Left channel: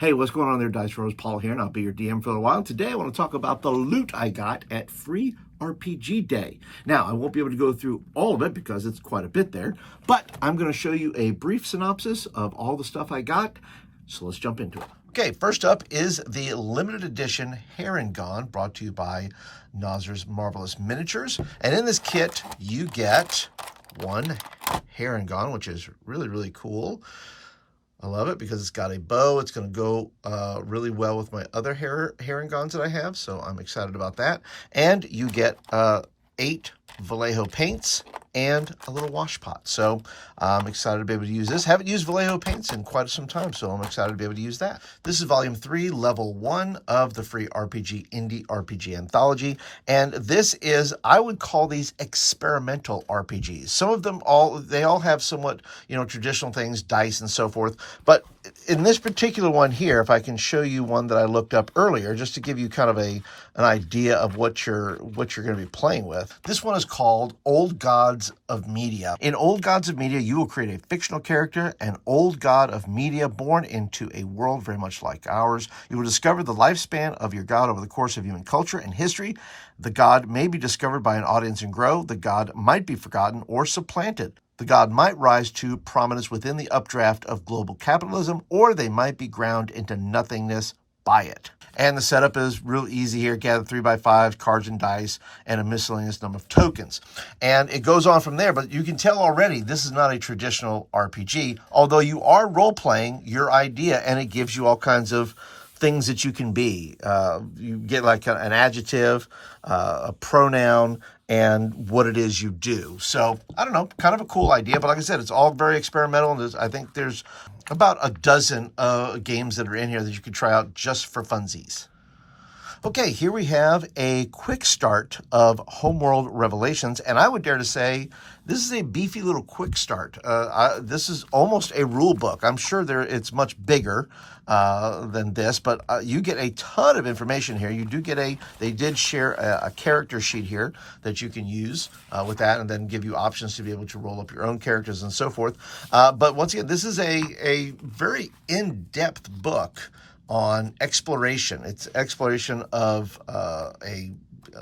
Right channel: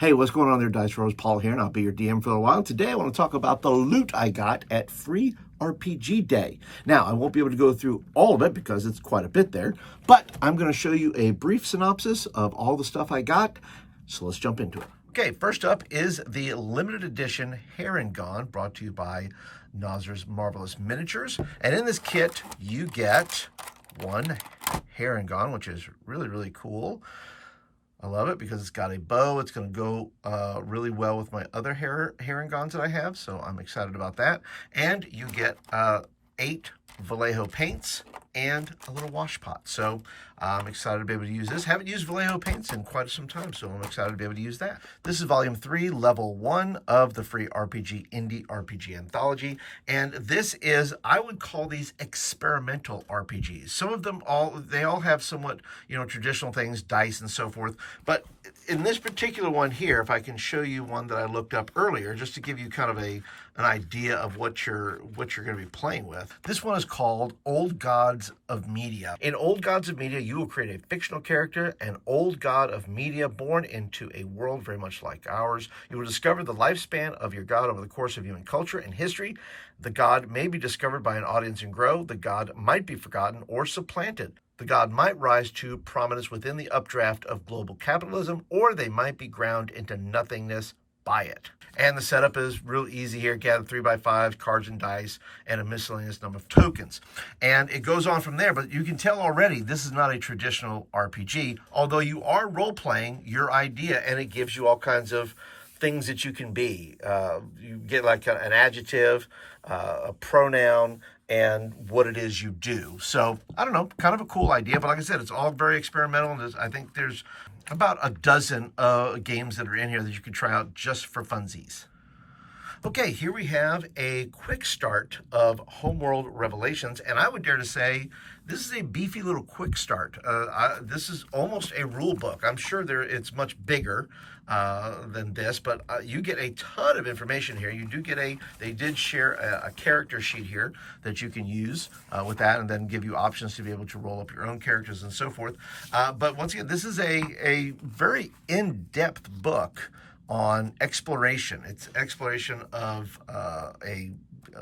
Hey, what's going on there, Dice Rose? Paul here, and I'll be your DM for a while. Today I want to talk about the loot I got at Free RPG Day. Now, I won't be able to go through all of it because it's quite a bit there, but I'm going to show you a brief synopsis of all the stuff I got, so let's jump into it. Okay, first up is the limited edition Heron, brought to you by Nazar's Marvelous Miniatures. And in this kit, you get one Heron, which is really, really cool. I love it because it's got a bow. It's going to go really well with my other Heron that I have, so I'm excited about that. And you get 8 Vallejo paints and a little wash pot. So I'm excited to be able to use this. Haven't used Vallejo paints in quite some time, so I'm excited to be able to use that. This is Volume 3, Level 1 of the Free RPG Indie RPG Anthology. And this is, I would call these experimental RPGs. Some of them they all have somewhat, traditional things, dice and so forth. But in this particular one here, if I can show you one that I looked up earlier, just to give you kind of an idea of what you're going to be playing with. This one is called Old Gods of Media. In Old Gods of Media, you will create a fictional character, an old god of media born into a world very much like ours. You will discover the lifespan of your god over the course of human culture and history. The god may be discovered by an audience and grow. The god might be forgotten or supplanted. The god might rise to prominence within the updraft of global capitalism, or they might be ground into nothingness by it. And the setup is real easy here. Gather 3x5 cards and dice and a miscellaneous number of tokens. And it goes on from there, but you can tell already this is not a traditional RPG, although you are role-playing your idea, and it gives you all kinds of things that you can be. You get like an adjective, a pronoun, and what it is you do. So, I don't know, kind of a cool idea, but like I said, it's all very experimental, and I think there's about a dozen games that are in here that you can try out just for funsies. Okay, here we have a quick start of Homeworld Revelations, and I would dare to say this is a beefy little quick start. This is almost a rule book. I'm sure it's much bigger than this, but you get a ton of information here. You do get they did share a character sheet here that you can use with that, and then give you options to be able to roll up your own characters and so forth. But once again, this is a very in-depth book on exploration. It's exploration of a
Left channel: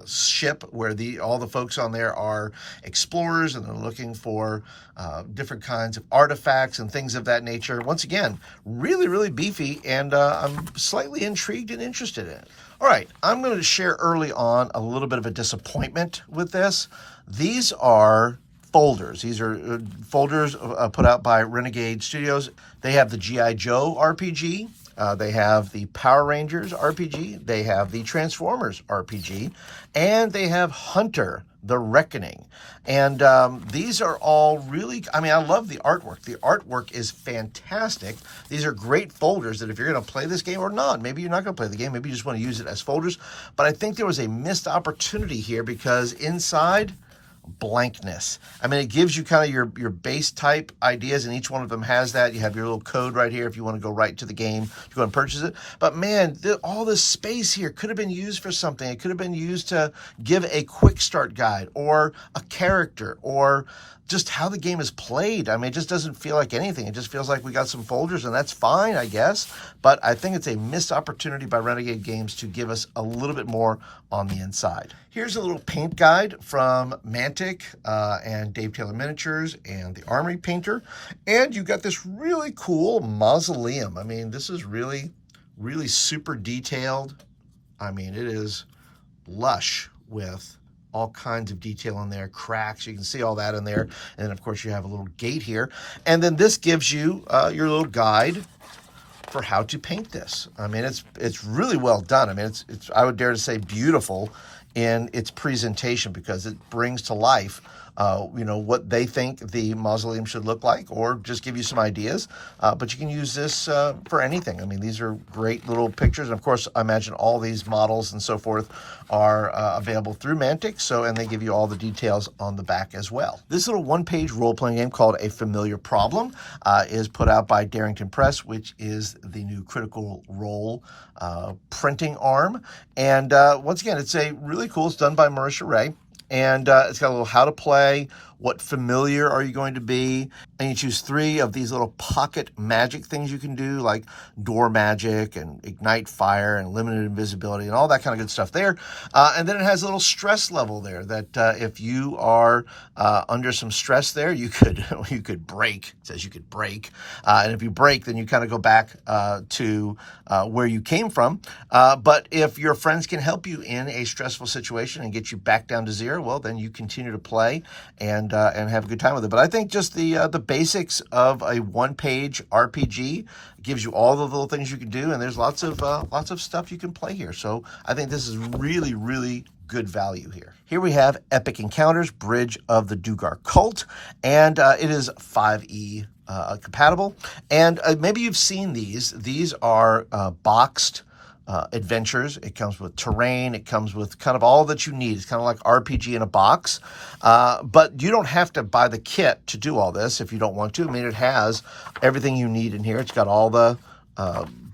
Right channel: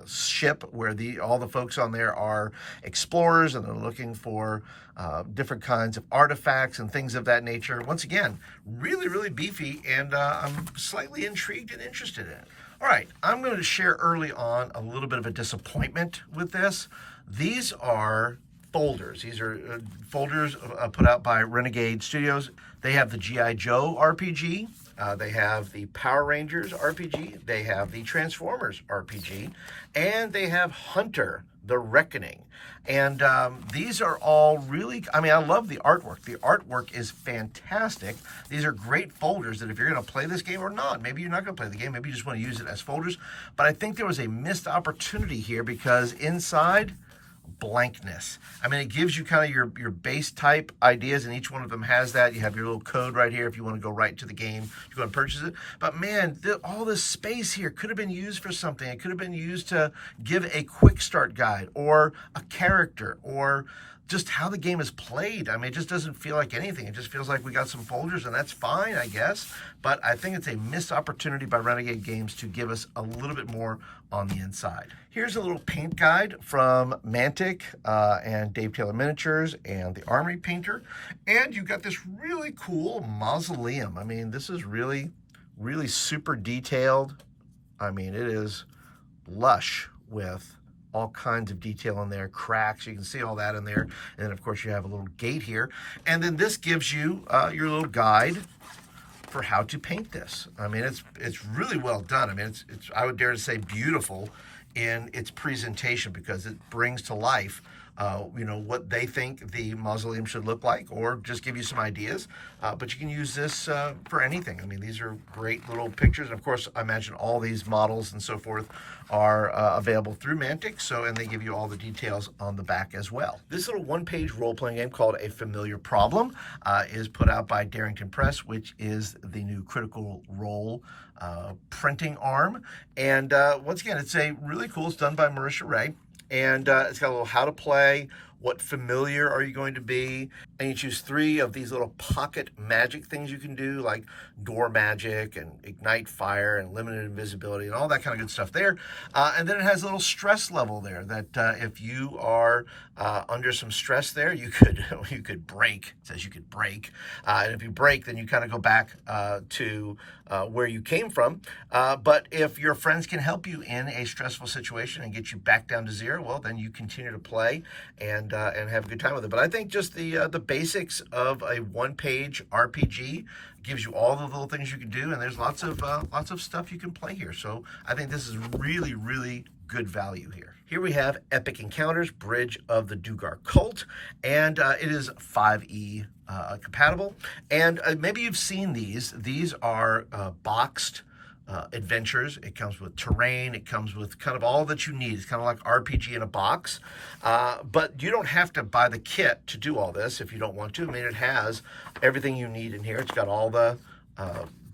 ship where all the folks on there are explorers, and they're looking for different kinds of artifacts and things of that nature. Once again, really, really beefy, and I'm slightly intrigued and interested in it. All right, I'm going to share early on a little bit of a disappointment with this. These are folders. These are folders put out by Renegade Studios. They have the G.I. Joe RPG. They have the Power Rangers RPG, they have the Transformers RPG, and they have Hunter, the Reckoning. And these are all really, I love the artwork. The artwork is fantastic. These are great folders that if you're going to play this game or not, maybe you're not going to play the game, maybe you just want to use it as folders. But I think there was a missed opportunity here because inside, blankness. It gives you kind of your base type ideas, and each one of them has that. You have your little code right here if you want to go right to the game, if you want to purchase it. But man, all this space here could have been used for something. It could have been used to give a quick start guide or a character or just how the game is played. It just doesn't feel like anything. It just feels like we got some folders, and that's fine, I guess. But I think it's a missed opportunity by Renegade Games to give us a little bit more on the inside. Here's a little paint guide from Mantic and Dave Taylor Miniatures and the Armory Painter. And you've got this really cool mausoleum. This is really, really super detailed. It is lush with all kinds of detail in there, cracks, you can see all that in there. And then of course you have a little gate here. And then this gives you your little guide for how to paint this. It's really well done. It's I would dare to say beautiful in its presentation because it brings to life what they think the mausoleum should look like, or just give you some ideas. But you can use this for anything. These are great little pictures. And of course, I imagine all these models and so forth are available through Mantic. And they give you all the details on the back as well. This little one-page role-playing game called A Familiar Problem is put out by Darrington Press, which is the new Critical Role printing arm. And once again, it's a really cool. It's done by Marisha Ray. And it's got a little how to play, what familiar are you going to be, and you choose 3 of these little pocket magic things you can do, like door magic and ignite fire and limited invisibility and all that kind of good stuff there. And then it has a little stress level there that if you are under some stress there, you could break. It says you could break, and if you break, then you kind of go back to where you came from. But if your friends can help you in a stressful situation and get you back down to 0, well, then you continue to play and have a good time with it. But I think just the basics of a one-page RPG gives you all the little things you can do, and there's lots of stuff you can play here. So I think this is really, really good value here. Here we have Epic Encounters, Bridge of the Dugar Cult, and it is 5e compatible. And maybe you've seen these. These are boxed adventures. It comes with terrain. It comes with kind of all that you need. It's kind of like RPG in a box. But you don't have to buy the kit to do all this if you don't want to. I mean, it has everything you need in here. It's got all the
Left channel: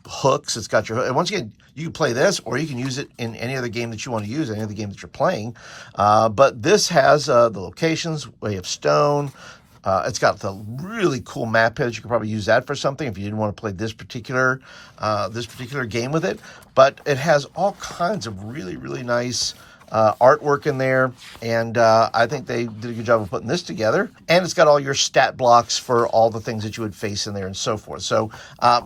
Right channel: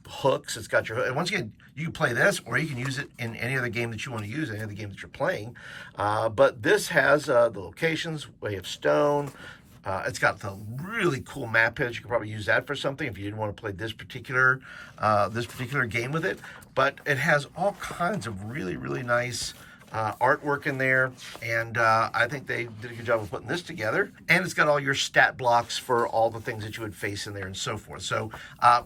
hooks. It's got your, and once again, you can play this or you can use it in any other game that you want to use, any other game that you're playing. But this has the locations, Way of Stone. It's got the really cool map page. You can probably use that for something if you didn't want to play this particular game with it. But it has all kinds of really, really nice artwork in there, and I think they did a good job of putting this together. And it's got all your stat blocks for all the things that you would face in there and so forth. So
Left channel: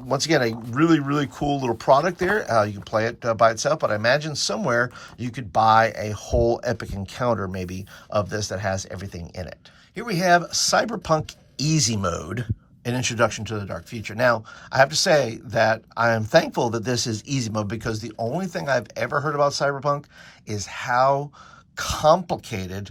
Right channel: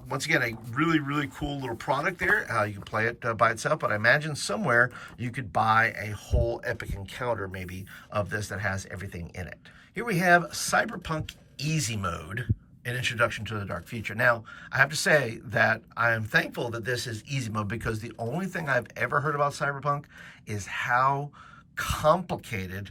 once again, a really, really cool little product there. You can play it by itself, but I imagine somewhere you could buy a whole Epic Encounter maybe of this that has everything in it. Here we have Cyberpunk Easy Mode, an introduction to the dark future. Now, I have to say that I am thankful that this is easy mode, because the only thing I've ever heard about Cyberpunk is how complicated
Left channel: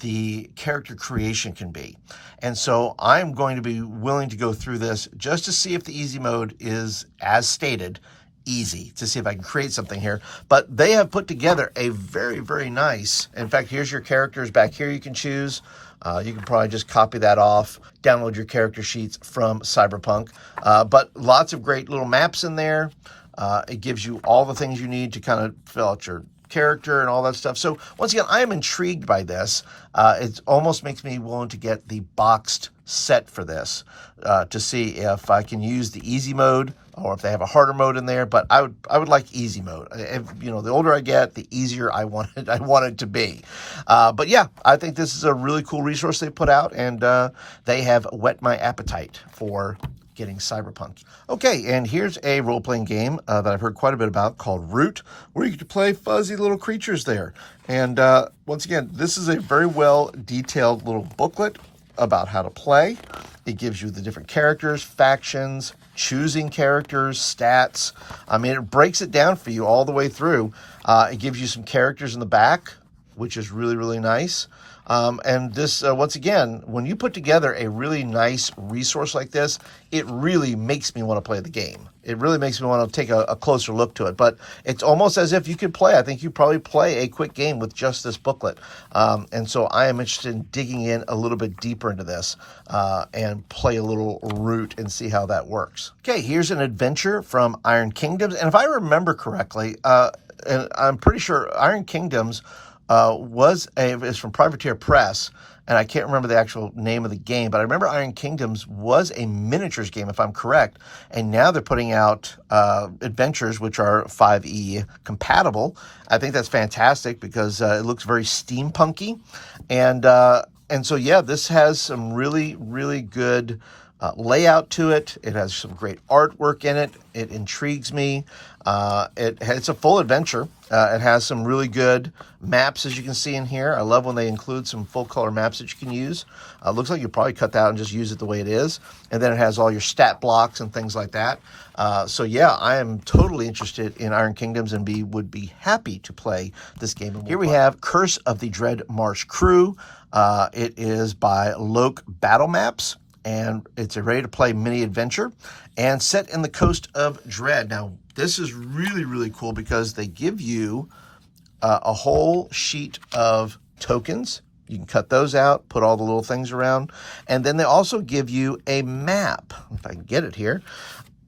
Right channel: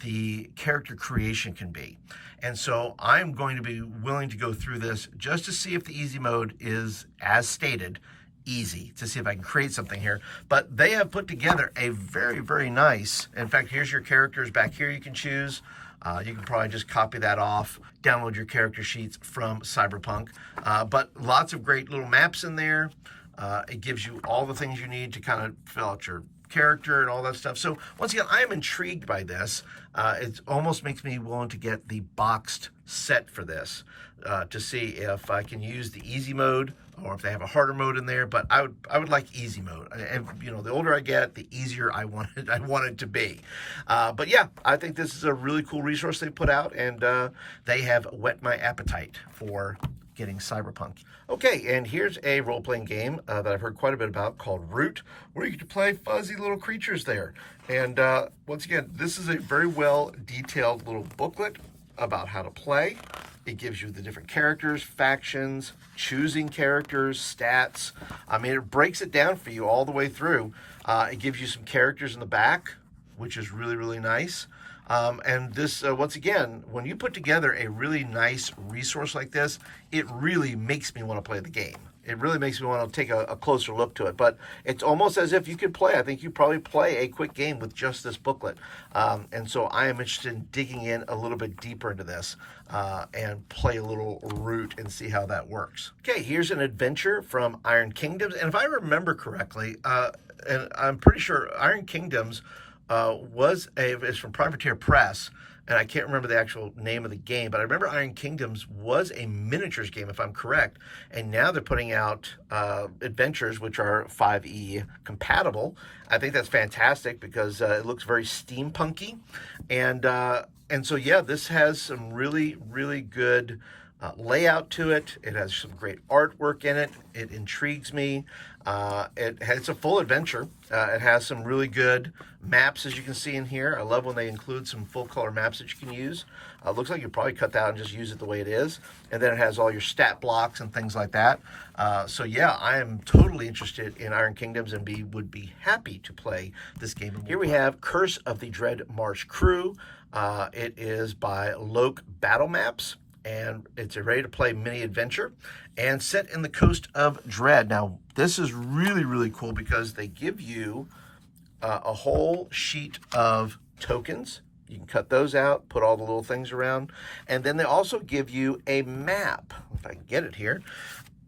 the character creation can be. And so I'm going to be willing to go through this just to see if the easy mode is, as stated, easy, to see if I can create something here. But they have put together a very, very nice, in fact, here's your characters back here you can choose. You can probably just copy that off, download your character sheets from Cyberpunk. But lots of great little maps in there. It gives you all the things you need to kind of fill out your character and all that stuff. So once again, I am intrigued by this. It almost makes me willing to get the boxed set for this to see if I can use the easy mode or if they have a harder mode in there. But I would like easy mode. You know, the older I get, the easier I want it to be. But yeah, I think this is a really cool resource they put out, and they have whet my appetite for getting Cyberpunk. Okay, and here's a role-playing game that I've heard quite a bit about called Root, where you get to play fuzzy little creatures there. And once again, this is a very well-detailed little booklet about how to play. It gives you the different characters, factions, choosing characters, stats. I mean, it breaks it down for you all the way through. It gives you some characters in the back, which is really, really nice. And this, once again, when you put together a really nice resource like this, it really makes me want to play the game. It really makes me want to take a closer look to it. But it's almost as if you could play. I think you probably play a quick game with just this booklet. And so I am interested in digging in a little bit deeper into this and play a little Root and see how that works. Okay, here's an adventure from Iron Kingdoms. And if I remember correctly, and I'm pretty sure Iron Kingdoms is from Privateer Press, and I can't remember the actual name of the game, but I remember Iron Kingdoms was a miniatures game, if I'm correct, and now they're putting out adventures, which are 5e compatible. I think that's fantastic because it looks very steampunky, and so yeah, this has some really, really good layout to it. It has some great artwork in it. It intrigues me. It's a full adventure. It has some really good maps, as you can see in here. I love when they include some full color maps that you can use. Looks like you probably cut that out and just use it the way it is. And then it has all your stat blocks and things like that. So yeah, I am totally interested in Iron Kingdoms and would be happy to play this game. Here we have Curse of the Dread Marsh Crew. It is by Loke Battle Maps, and it's a ready-to-play mini-adventure and set in the Coast of Dread. Now, this is really, really cool because they give you a whole sheet of tokens. You can cut those out, put all the little things around, and then they also give you a map, if I can get it here,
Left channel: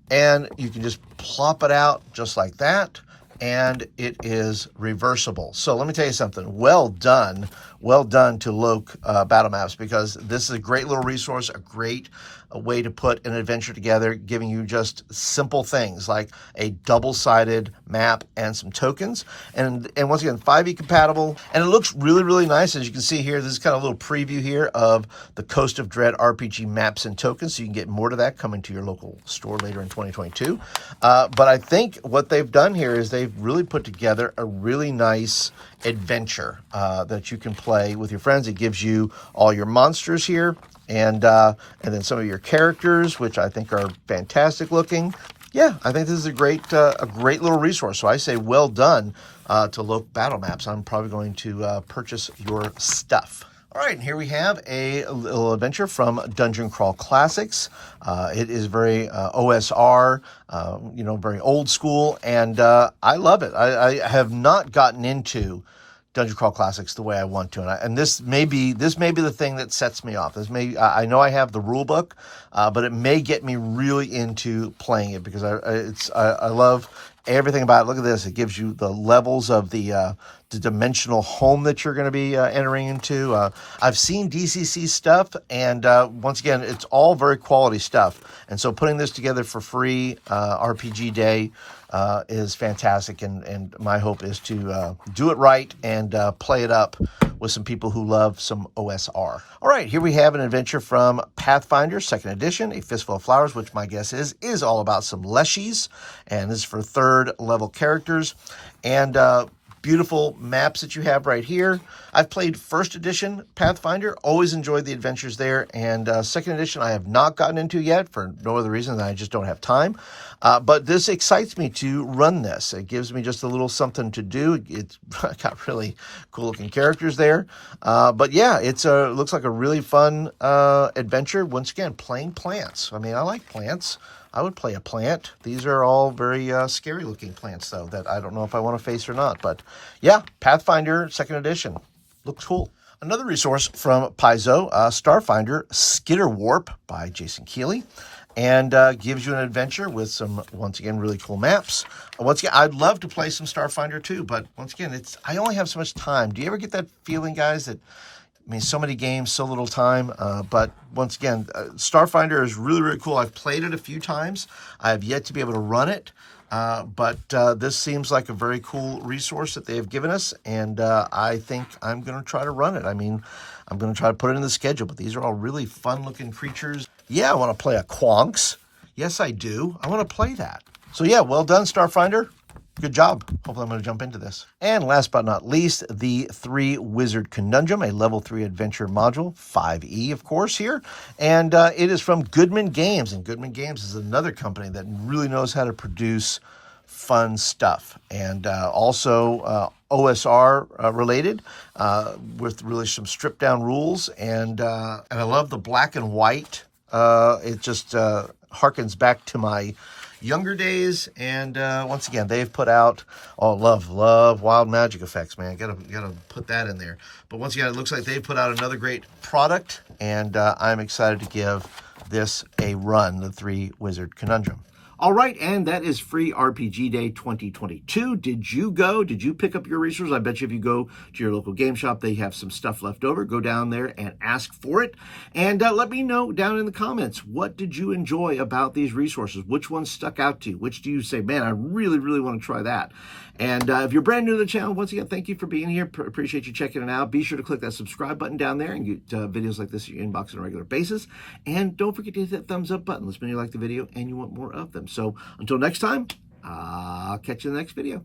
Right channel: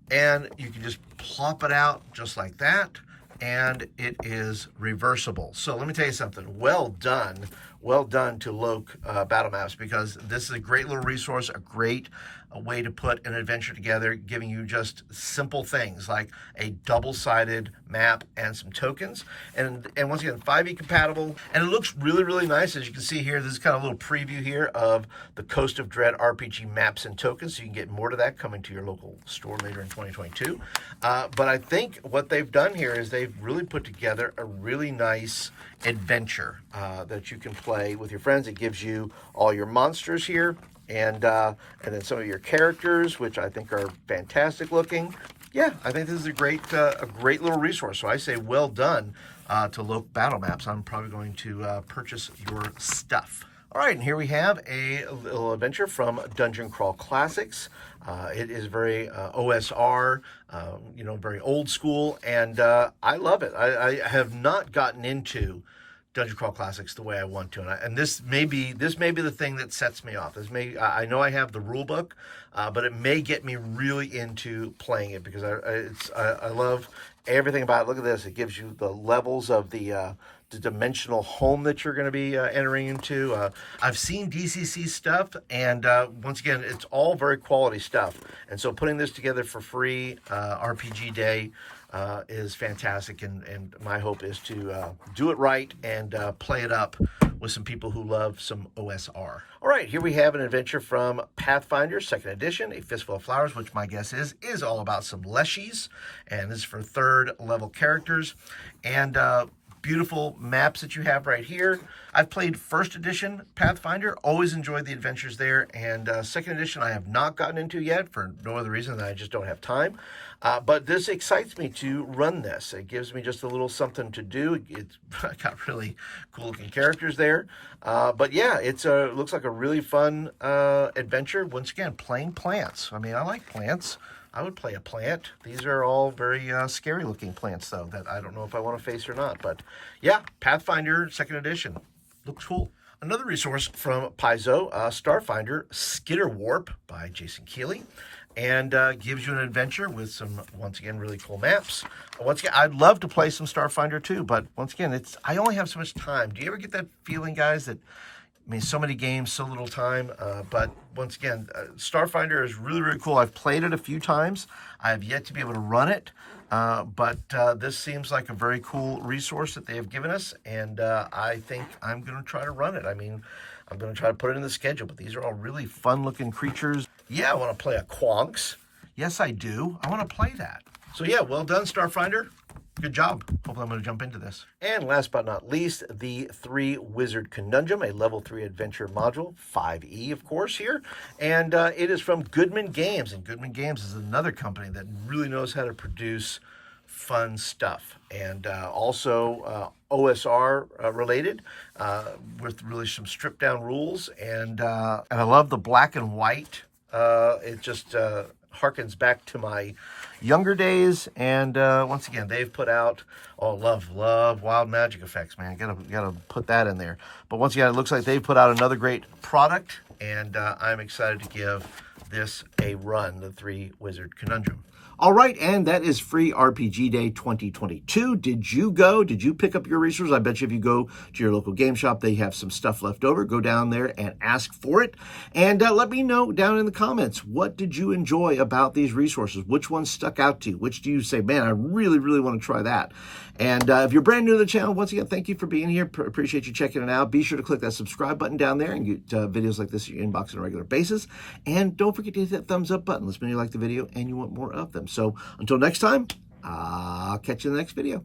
and you can just plop it out just like that, and it is reversible. So let me tell you something. Well done, well done to Loke Battle Maps, because this is a great little resource, a great way to put an adventure together, giving you just simple things like a double-sided map and some tokens. And once again, 5e compatible, and it looks really, really nice. As you can see here, this is kind of a little preview here of the Coast of Dread RPG maps and tokens, so you can get more to that coming to your local store later in 2022. But I think what they've done here is they've really put together a really nice adventure that you can play with your friends. It gives you all your monsters here, and then some of your characters, which I think are fantastic looking. Yeah, I think this is a great little resource. So I say well done to Loke Battle Maps. I'm probably going to purchase your stuff. All right, and here we have a little adventure from Dungeon Crawl Classics. It is very OSR, very old school, and I love it. I have not gotten into Dungeon Crawl Classics the way I want to, and this may be the thing that sets me off. I know I have the rule book, but it may get me really into playing it, because I love everything about it. Look at this; it gives you the levels of the dimensional home that you're going to be entering into. I've seen DCC stuff, and once again, it's all very quality stuff. And so putting this together for free RPG Day is fantastic, and my hope is to do it right and play it up with some people who love some OSR. All right, here we have an adventure from Pathfinder, 2nd edition, A Fistful of Flowers, which my guess is all about some leshies, and this is for 3rd level characters. And beautiful maps that you have right here. I've played 1st edition Pathfinder, always enjoyed the adventures there, and 2nd edition I have not gotten into yet for no other reason than I just don't have time. But this excites me to run this. It gives me just a little something to do. It's got really cool looking characters there. But yeah, it looks like a really fun adventure. Once again, playing plants. I mean, I like plants. I would play a plant. These are all very scary looking plants, though, that I don't know if I want to face or not. But yeah, Pathfinder 2nd edition. Looks cool. Another resource from Paizo, Starfinder Skitter Warp by Jason Keeley. And gives you an adventure with some, once again, really cool maps. Once again, I'd love to play some Starfinder too, but once again, I only have so much time. Do you ever get that feeling, guys, that, I mean, so many games, so little time, but once again, Starfinder is really, really cool. I've played it a few times. I have yet to be able to run it, but this seems like a very cool resource that they have given us, and I think I'm going to try to run it. I mean, I'm going to try to put it in the schedule, but these are all really fun-looking creatures. Yeah, I want to play a Quonks. Yes, I do. I want to play that. So yeah, well done, Starfinder. Good job. Hopefully I'm going to jump into this. And last but not least, the 3-Wizard Conundrum, a level 3 adventure module, 5e, of course, here. And it is from Goodman Games. And Goodman Games is another company that really knows how to produce fun stuff. And also OSR related, with really some stripped down rules. And I love the black and white. It just harkens back to my younger days, and once again, they've put out, love wild magic effects, man. Gotta put that in there. But once again, it looks like they've put out another great product, and I'm excited to give this a run, the 3-Wizard Conundrum. All right, and that is Free RPG Day 2022. Did you go? Did you pick up your resources? I bet you if you go to your local game shop, they have some stuff left over. Go down there and ask for it. And let me know down in the comments, what did you enjoy about these resources? Which ones stuck out to you? Which do you say, man, I really, really want to try that? And if you're brand new to the channel, once again, thank you for being here. Appreciate you checking it out. Be sure to click that subscribe button down there and get videos like this in your inbox on a regular basis. And don't forget to hit that thumbs up button. Let me know you like the video and you want more of them. So until next time, I'll catch you in the next video.